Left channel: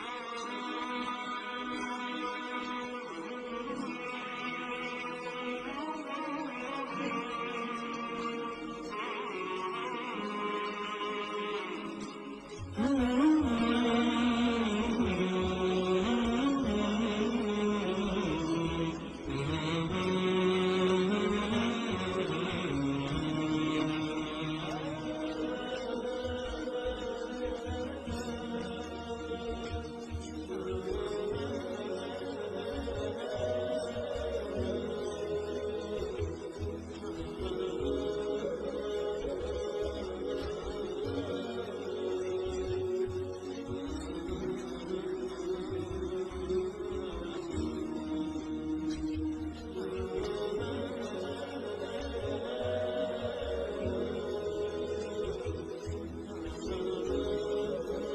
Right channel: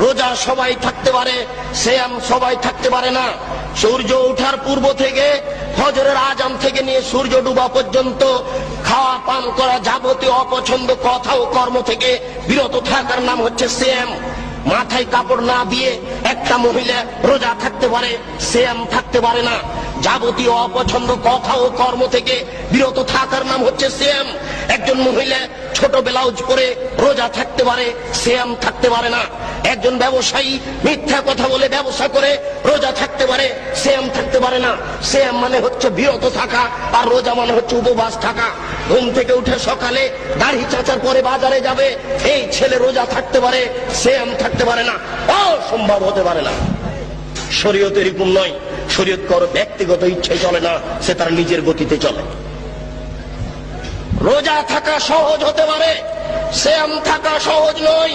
রোজা সবাই থাকতে পারে, সিয়াম সবাই থাকতে পারে না। সূর্য ওঠার পূর্ব থেকে ফজরের আজান থেকে নিয়ে সূর্য ডুবা পর্যন্ত খাওয়া পান করা যাবতীয় অপছন্দ কথা ও কর্ম থেকে বিরত থাকার নাম হচ্ছে সিয়াম। মাথায় কাপড় না দিয়ে একটা মহিলা রোজা থাকতে পারে, সিয়াম থাকতে পারে না। যাবতীয় অপছন্দ কথা ও কর্ম থেকে বিরত থাকার নাম হচ্ছে সিয়াম। একজন মহিলা ছোট ব্লাউজ পরে রোজা থাকতে পারে, সিয়াম থাকতে পারে না। একজন ব্যবসায়ী মিথ্যা কথা বলে ব্যবসা করে রোজা থাকতে পারে, সিয়াম থাকতে পারে না। সিয়াম মানে হচ্ছে বিরত থাকা, আর রোজা মানে হচ্ছে উপবাস থাকা। ঘুম থেকে উঠে সকালে দাড়ি চাচার পরে বাজারে যাবে, এই ছেলে রোজা থাকতে পারে, সিয়াম থাকতে পারে না। অসম্ভব হতে পারে না। শরীয়ত এরকম নয়। শরীয়ত কারো ব্যক্তিগত ইচ্ছে চলে না, সে তার নিজের গতিতে চলে। রোজা থাকা সহজ হতে পারে, সিয়াম থাকা সহজ নয়।